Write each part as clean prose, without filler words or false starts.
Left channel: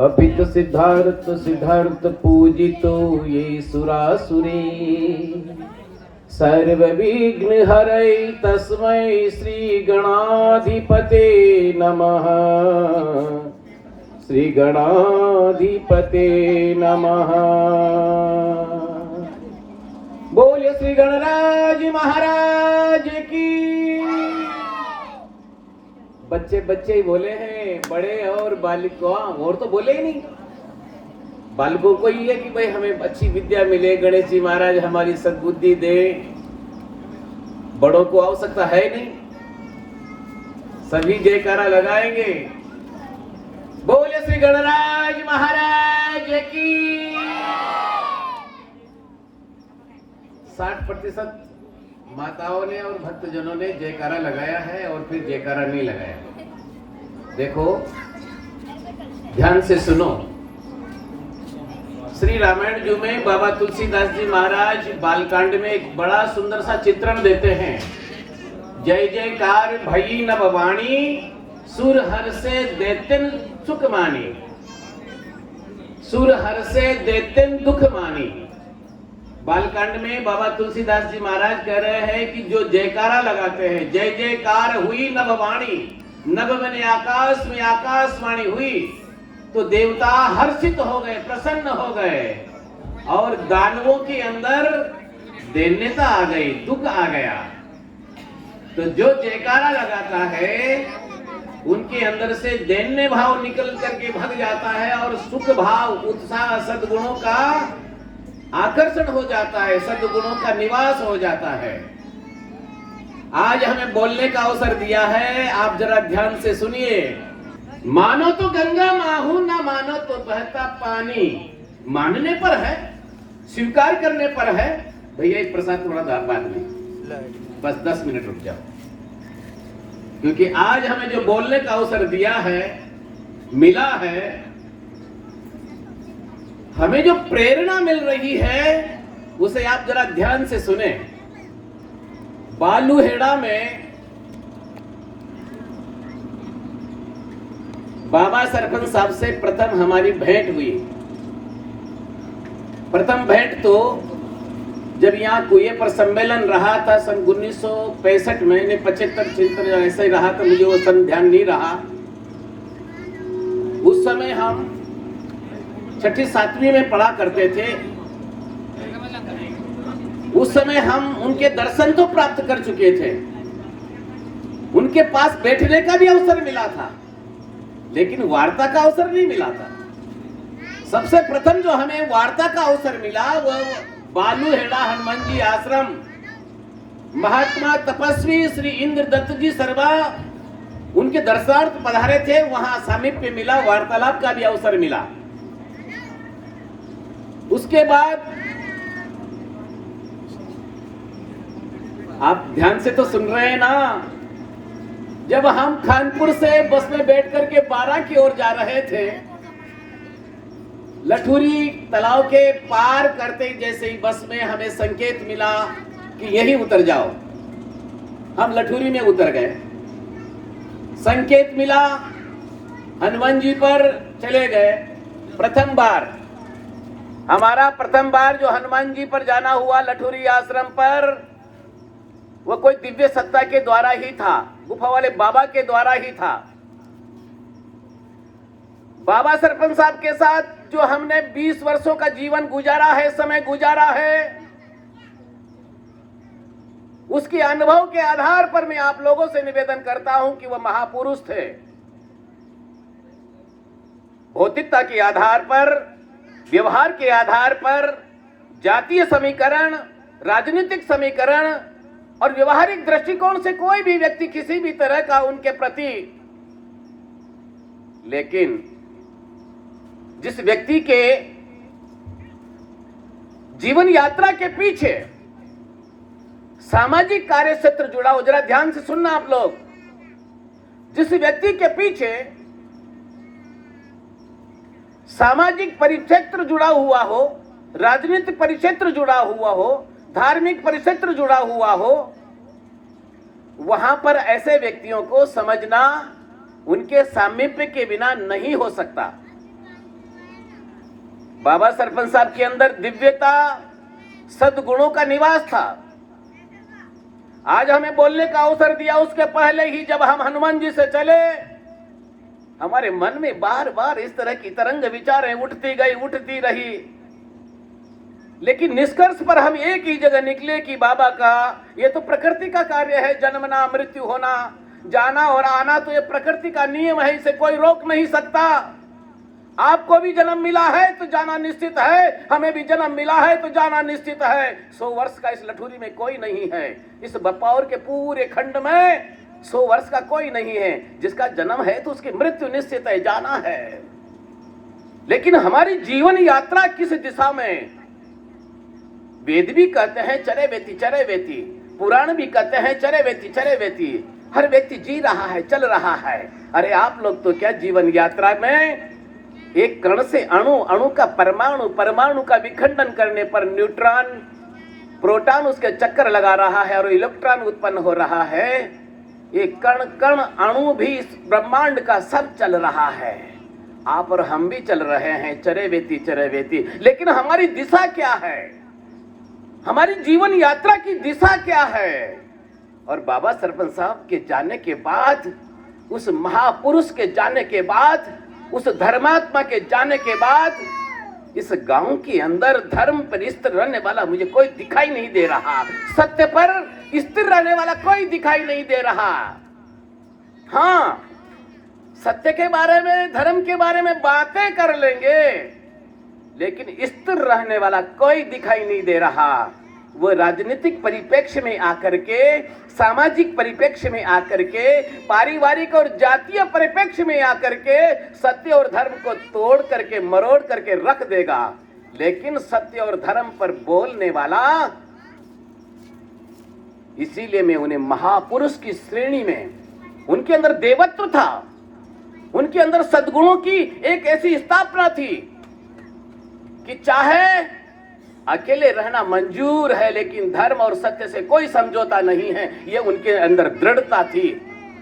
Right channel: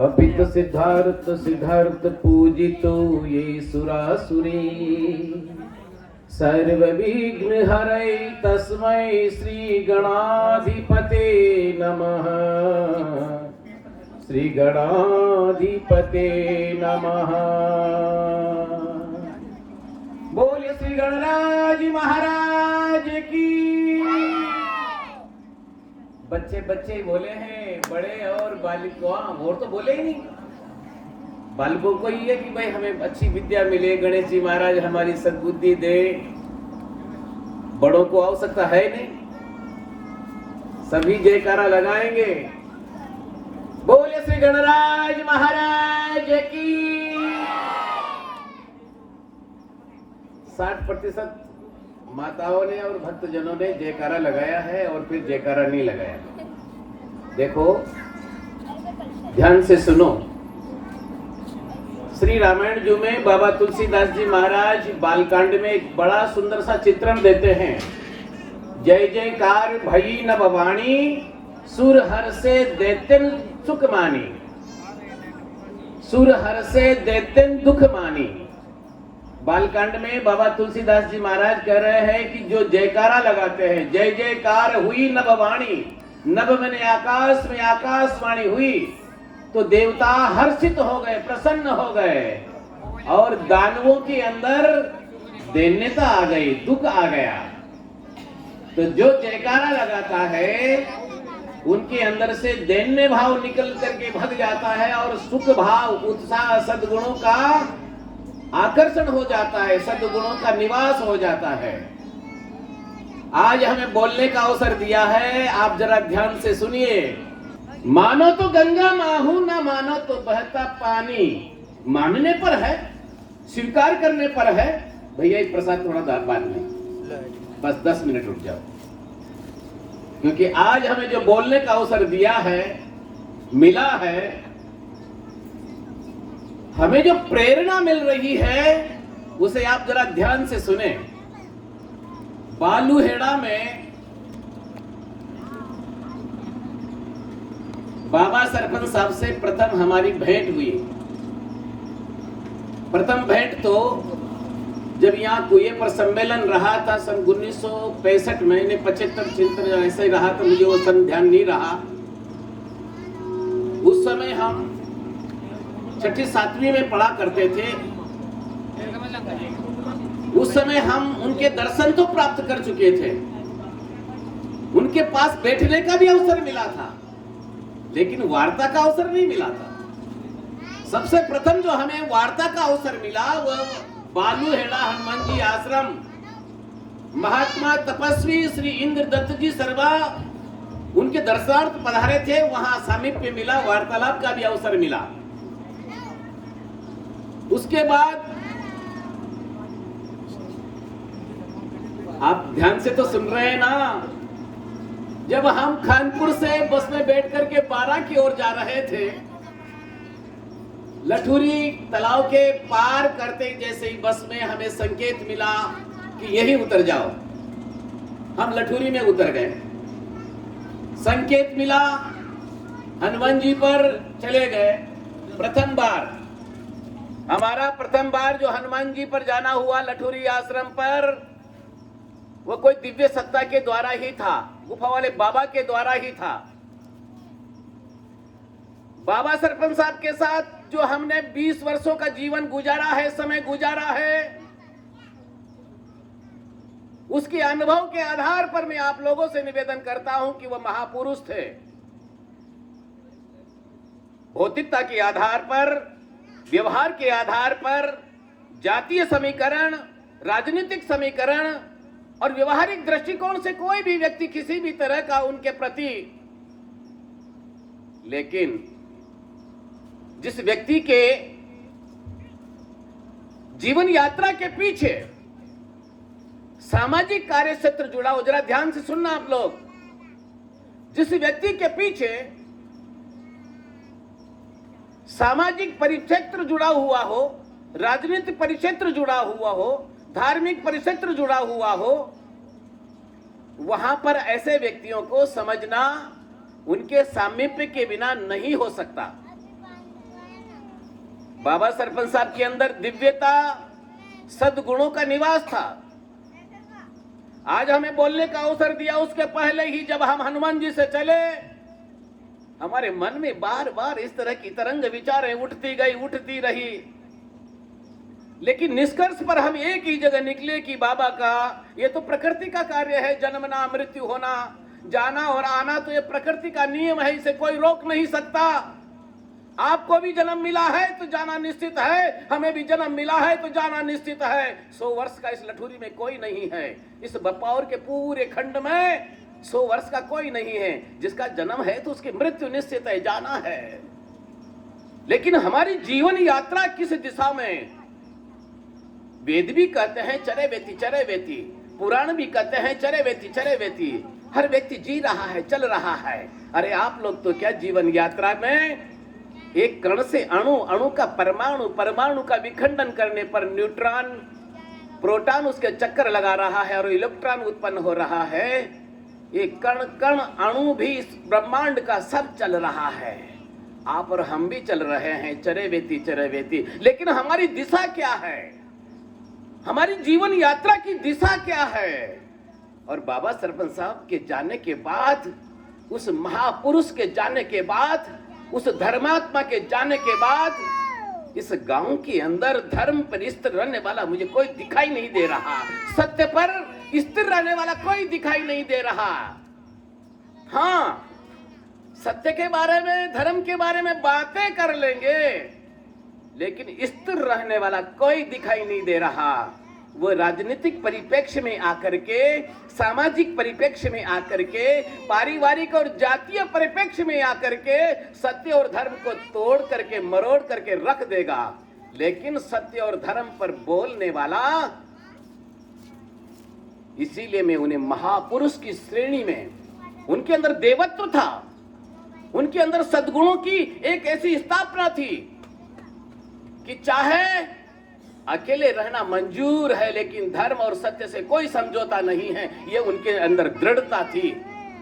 अभी तो सिद्धार्थ सिद्धार्थ पूजितो ये सुरासुरे सर्व विघ्न हरै तस्मै श्री गणाधिपते नमः। श्री गणाधिपते नमः। बोलिए श्री गणराज महाराज की। बच्चे बच्चे ही बोले हैं, बड़े और बालिका और तो बोले ही नहीं। बालकों को ही है कि भाई हमें अच्छी विद्या मिले, गणेश जी महाराज हमारी सद्बुद्धि दे। बड़ों को आवश्यकता है नहीं। सभी जयकारा लगाएंगे। बोले श्री गणराज महाराज की। 60% माताओं ने और भक्तजनों ने जयकारा लगाया है और फिर जयकारा नहीं लगाया। देखो ध्यान से सुनो। श्री रामायण जी में बाबा तुलसीदास जी महाराज बालकांड में एक बड़ा सुंदर सा चित्रण देते हैं। जय जयकार भई न भवानी सुर हर से देतिन सुख मानी। सुर हर से देतिन दुख मानी। बालकांड में बाबा तुलसीदास जी महाराज कह रहे हैं कि जो जयकारा लगाते हैं, जय जयकार हुई नभवाणी, नभ में आकाश में आकाशवाणी हुई, तो देवता हर्षित हो गए, प्रसन्न हो गए और दानवों के अंदर दैन्यता आ गई, दुख आ गया। तो जो जयकारा लगाता है उनके अंदर से दैन्य भाव निकल करके भग जाता है और सुख भाव, उत्साह, सद्गुणों का आकर्षण हो जाता है, सद्गुणों का निवास हो जाता है। आज हमें बोलने का अवसर दिया है, आप जरा ध्यान से सुनिए। मानो तो गंगा माहू, ना मानो तो बहता पानी। मानने पर है, स्वीकार करने पर है। भैया एक प्रसाद थोड़ा दार बाद में, बस 10 मिनट रुक जाओ, क्योंकि आज हमें जो बोलने का अवसर दिया है, मिला है, हमें जो प्रेरणा मिल रही है उसे आप जरा ध्यान से सुने। बालूहेड़ा में बाबा सरपंच साहब से प्रथम हमारी भेंट हुई। प्रथम भेंट तो जब यहाँ कुएं पर सम्मेलन रहा था सन 1965 में, 75-76 ऐसा ही रहा था, मुझे वो सन ध्यान नहीं रहा। उस समय हम 6ठी-7वीं में पढ़ा करते थे। उस समय हम उनके दर्शन तो प्राप्त कर चुके थे, उनके पास बैठने का भी अवसर मिला था, लेकिन वार्ता का अवसर नहीं मिला था। सबसे प्रथम जो हमें वार्ता का अवसर मिला वह बालूहेड़ा हनुमान जी आश्रम, महात्मा तपस्वी श्री इंद्रदत्त जी सर्वा उनके दर्शनार्थ पधारे थे, वहां सामीप्य मिला, वार्तालाप का भी अवसर मिला। उसके बाद आप ध्यान से तो सुन रहे हैं ना, जब हम कानपुर से बस में बैठ करके 12 की ओर जा रहे थे, लठुरी तालाब के पार करते जैसे ही बस में हमें संकेत मिला कि यहीं उतर जाओ। हम लठुरी में उतर गए। संकेत मिला, हनुमान जी पर चले गए। प्रथम बार हमारा जो हनुमान जी पर जाना हुआ लठुरी आश्रम पर, वो कोई दिव्य सत्ता के द्वारा ही था, गुफा वाले बाबा के द्वारा ही था। बाबा सरपंच साहब के साथ जो हमने 20 वर्षों का जीवन गुजारा है, समय गुजारा है, उसके अनुभव के आधार पर मैं आप लोगों से निवेदन करता हूं कि वह महापुरुष थे। भौतिकता के आधार पर, व्यवहार के आधार पर, जातीय समीकरण, राजनीतिक समीकरण और व्यवहारिक दृष्टिकोण से कोई भी व्यक्ति किसी भी तरह का उनके प्रति, लेकिन जिस व्यक्ति के जीवन यात्रा के पीछे सामाजिक कार्य क्षेत्र जुड़ा हो, जरा ध्यान से सुनना आप लोग, जिस व्यक्ति के पीछे सामाजिक परिक्षेत्र जुड़ा हुआ हो, राजनीतिक परिक्षेत्र जुड़ा हुआ हो, धार्मिक परिक्षेत्र जुड़ा हुआ हो, वहां पर ऐसे व्यक्तियों को समझना उनके सामीप्य के बिना नहीं हो सकता। बाबा सरपंच साहब के अंदर दिव्यता, सद्गुणों का निवास था। आज हमें बोलने का अवसर दिया, उसके पहले ही जब हम हनुमान जी से चले, हमारे मन में बार बार इस तरह की तरंग विचारें उठती गई, उठती रही, लेकिन निष्कर्ष पर हम एक ही जगह निकले कि बाबा का ये तो प्रकृति का कार्य है, जन्मना, मृत्यु होना, जाना और आना तो ये प्रकृति का नियम है, इसे कोई रोक नहीं सकता। आपको भी जन्म मिला है तो जाना निश्चित है, हमें भी जन्म मिला है तो जाना निश्चित है। 100 वर्ष का इस लठुरी में कोई नहीं है, इस बपावर के पूरे खंड में 100 वर्ष का कोई नहीं है। जिसका जन्म है तो उसकी मृत्यु निश्चित है, जाना है। लेकिन हमारी जीवन यात्रा किस दिशा में? वेद भी कहते हैं चरे वेती चरे वेती, पुराण भी कहते हैं चरे वेती चरे वेती। हर व्यक्ति जी रहा है, चल रहा है। अरे आप लोग तो क्या जीवन यात्रा में एक कण से अणु, अणु का परमाणु, परमाणु का विखंडन करने पर न्यूट्रॉन, प्रोटॉन उसके चक्कर लगा रहा है और इलेक्ट्रॉन उत्पन्न हो रहा है। एक कण कण अणु भी इस ब्रह्मांड का सब चल रहा है। आप और हम भी चल रहे हैं, चरे वेती चरे वेती। लेकिन हमारी दिशा क्या है? हमारी जीवन यात्रा की दिशा क्या है? और बाबा सरपंच साहब के जाने के बाद, उस महापुरुष के जाने के बाद, उस धर्मात्मा के जाने के बाद, इस गांव के अंदर धर्म पर स्थिर रहने वाला मुझे कोई दिखाई नहीं दे रहा। सत्य पर स्थिर रहने वाला कोई दिखाई नहीं दे रहा। हाँ, सत्य के बारे में, धर्म के बारे में बातें कर लेंगे, लेकिन स्थिर रहने वाला कोई दिखाई नहीं दे रहा। वो राजनीतिक परिप्रेक्ष्य में आकर के, सामाजिक परिप्रेक्ष्य में आकर के, पारिवारिक और जातीय परिप्रेक्ष्य में आकर के सत्य और धर्म को तोड़ करके, मरोड़ करके रख देगा। लेकिन सत्य और धर्म पर बोलने वाला, इसीलिए मैं उन्हें महापुरुष की श्रेणी में, उनके अंदर देवत्व था, उनके अंदर सद्गुणों की एक ऐसी स्थापना थी कि चाहे अकेले रहना मंजूर है, लेकिन धर्म और सत्य से कोई समझौता नहीं है। ये उनके अंदर दृढ़ता थी।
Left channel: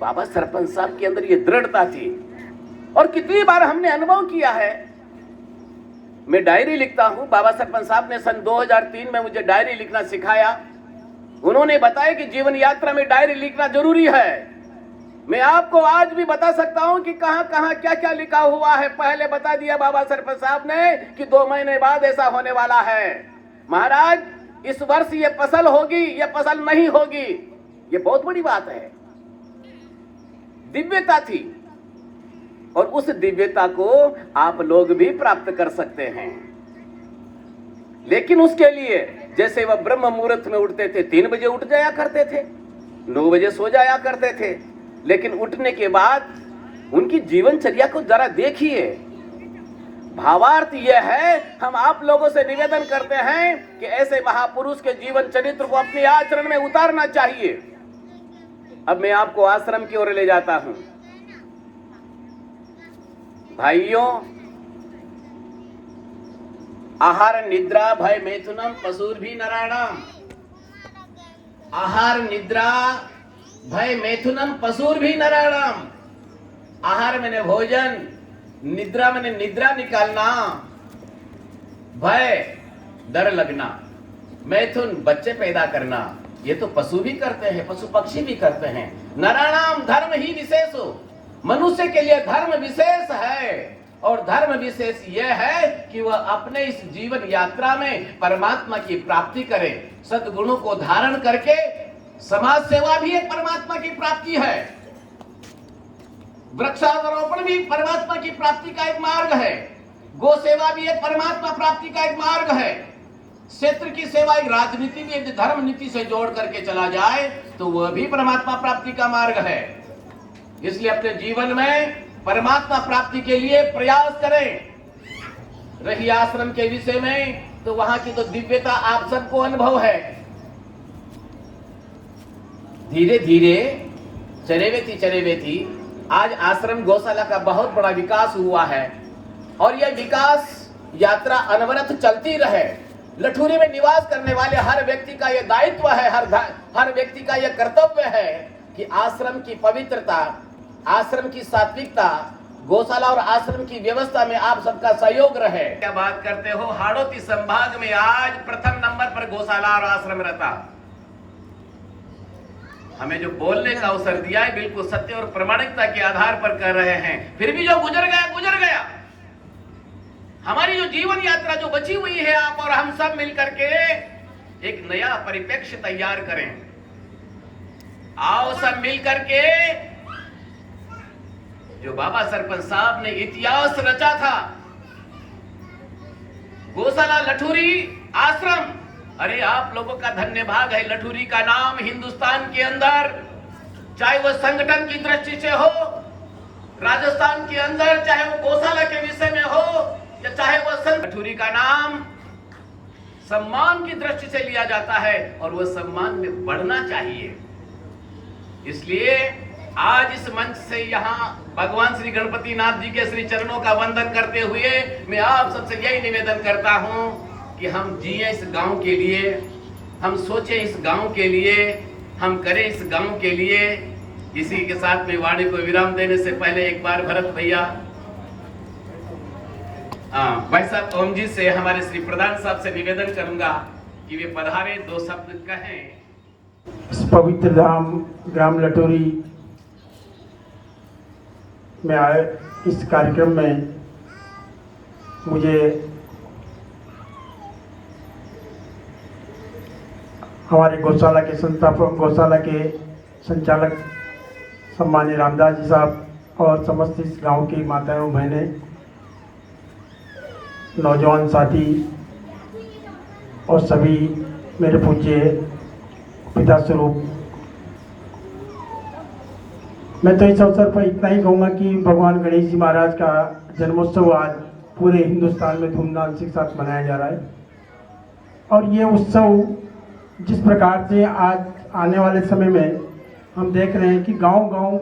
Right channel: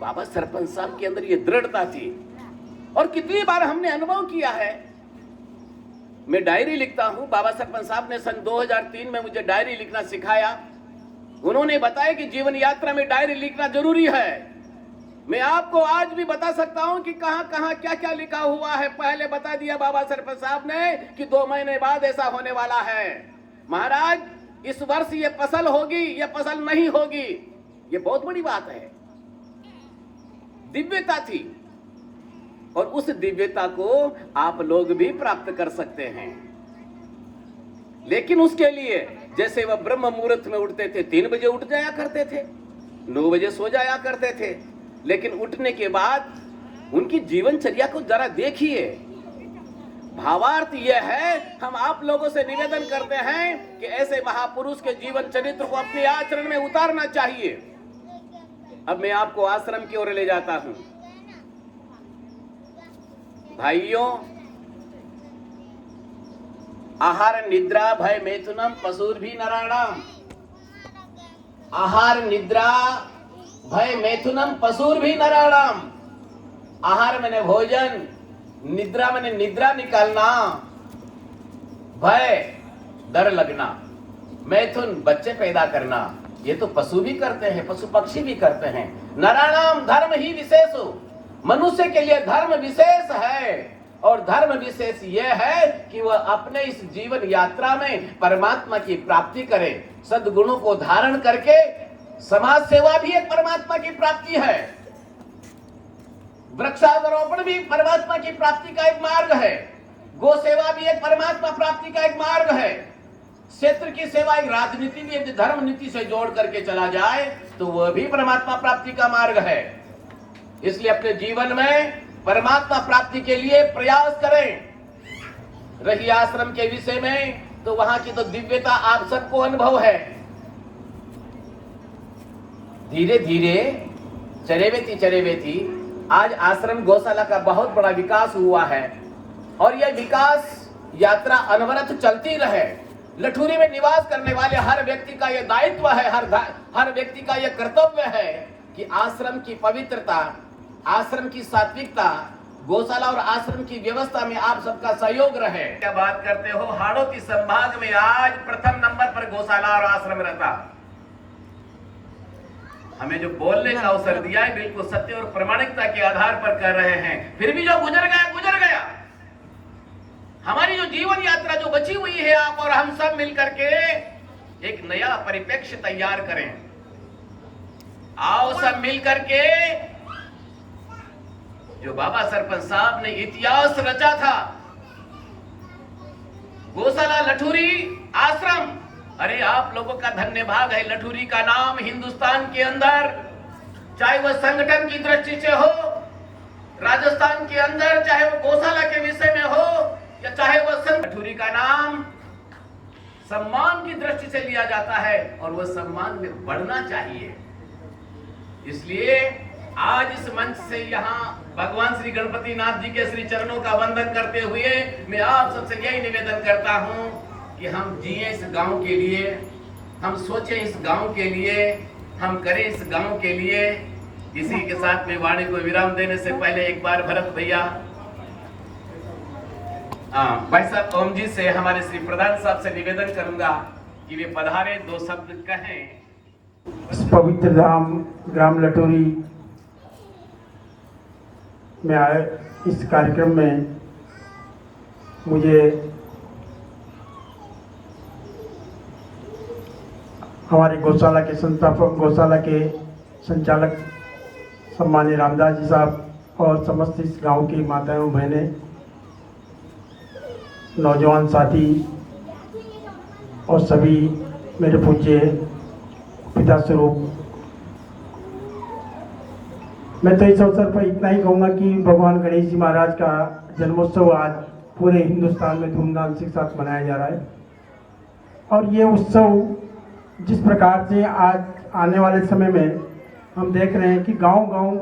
बाबा सरपंच साहब के अंदर ये दृढ़ता थी। और कितनी बार हमने अनुभव किया है। मैं डायरी लिखता हूं। बाबा सरपंच साहब ने सन 2003 में मुझे डायरी लिखना सिखाया। उन्होंने बताया कि जीवन यात्रा में डायरी लिखना जरूरी है। मैं आपको आज भी बता सकता हूं कि कहां कहां क्या क्या लिखा हुआ है। पहले बता दिया बाबा सरपंच साहब ने कि 2 महीने बाद ऐसा होने वाला है। महाराज, इस वर्ष ये फसल होगी, ये फसल नहीं होगी, ये बहुत बड़ी बात है। दिव्यता थी, और उस दिव्यता को आप लोग भी प्राप्त कर सकते हैं। लेकिन उसके लिए, जैसे वह ब्रह्म मुहूर्त में उठते थे, 3 बजे उठ जाया करते थे, 9 बजे सो जाया करते थे, लेकिन उठने के बाद उनकी जीवनचर्या को जरा देखिए। भावार्थ यह है, हम आप लोगों से निवेदन करते हैं कि ऐसे महापुरुष के जीवन चरित्र को अपने आचरण में उतारना चाहिए। अब मैं आपको आश्रम की ओर ले जाता हूं। भाइयों, आहार निद्रा भय मैथुनम पशुर्भि नराणाम। आहार निद्रा भय मैथुनम पशुर्भि नराणाम। आहार मैंने भोजन, निद्रा मैंने निद्रा निकालना, भय डर लगना, मैथुन बच्चे पैदा करना, ये तो पशु भी करते हैं, पशु पक्षी भी करते हैं। नराणाम धर्म ही विशेष हो। मनुष्य के लिए धर्म विशेष है, और धर्म विशेष यह है कि वह अपने इस जीवन यात्रा में परमात्मा की प्राप्ति करे। सद्गुणों को धारण करके समाज सेवा भी एक परमात्मा की प्राप्ति है। वृक्षारोपण भी परमात्मा की प्राप्ति का एक मार्ग है। गो सेवा भी एक परमात्मा प्राप्ति का एक मार्ग है। क्षेत्र की सेवा एक राजनीति भी एक धर्म नीति से जोड़ करके चला जाए तो वह भी परमात्मा प्राप्ति का मार्ग है। इसलिए अपने जीवन में परमात्मा प्राप्ति के लिए प्रयास करें। रही आश्रम के विषय में, तो वहां की तो दिव्यता आप सबको अनुभव है। धीरे धीरे चरेवेती आज आश्रम गौशाला का बहुत बड़ा विकास हुआ है, और यह विकास यात्रा अनवरत चलती रहे। लठुरी में निवास करने वाले हर व्यक्ति का यह दायित्व है, हर व्यक्ति का यह कर्तव्य है कि आश्रम की पवित्रता, आश्रम की सात्विकता, गौशाला और आश्रम की व्यवस्था में आप सबका सहयोग रहे। क्या बात करते हो, हाड़ौती संभाग में आज प्रथम नंबर पर गौशाला और आश्रम रहता। हमें जो बोलने का अवसर दिया है बिल्कुल सत्य और प्रामाणिकता के आधार पर कर रहे हैं। फिर भी जो गुजर गया गुजर गया। हमारी जो जीवन यात्रा जो बची हुई है, आप और हम सब मिलकर के एक नया परिप्रेक्ष्य तैयार करें। आओ सब मिलकर के जो बाबा सरपंच साहब ने इतिहास रचा था, गौशाला लठुरी आश्रम, अरे आप लोगों का धन्यवाद है। लठुरी का नाम हिंदुस्तान के अंदर, चाहे वह संगठन की दृष्टि से हो, राजस्थान के अंदर चाहे वो गौशाला के विषय में हो, या चाहे वह लठुरी का नाम सम्मान की दृष्टि से लिया जाता है और वह सम्मान में बढ़ना चाहिए। इसलिए आज इस मंच से यहाँ भगवान श्री गणपति नाथ जी के श्री चरणों का वंदन करते हुए मैं आप सबसे यही निवेदन करता हूं कि हम जिए इस गांव के लिए, हम सोचें इस गांव के लिए, हम करें इस गांव के लिए। इसी के साथ में वाणी को विराम देने से पहले एक बार भरत भैया, भाई साहब ओम जी से, हमारे श्री प्रधान साहब से निवेदन करूंगा कि वे पधारे, दो शब्द कहें। इस पवित्र धाम ग्राम लठुरी में आए इस कार्यक्रम में मुझे हमारे गौशाला के संस्थापक, गौशाला के संचालक सम्मानीय रामदास जी साहब और समस्त इस गांव की माताओं बहनें, नौजवान साथी और सभी मेरे पूज्य पिता स्वरूप, मैं तो इस अवसर पर इतना ही कहूँगा कि भगवान गणेश जी महाराज का जन्मोत्सव आज पूरे हिंदुस्तान में धूमधाम के साथ मनाया जा रहा है। और ये उत्सव जिस प्रकार से आज आने वाले समय में हम देख रहे हैं कि गांव-गांव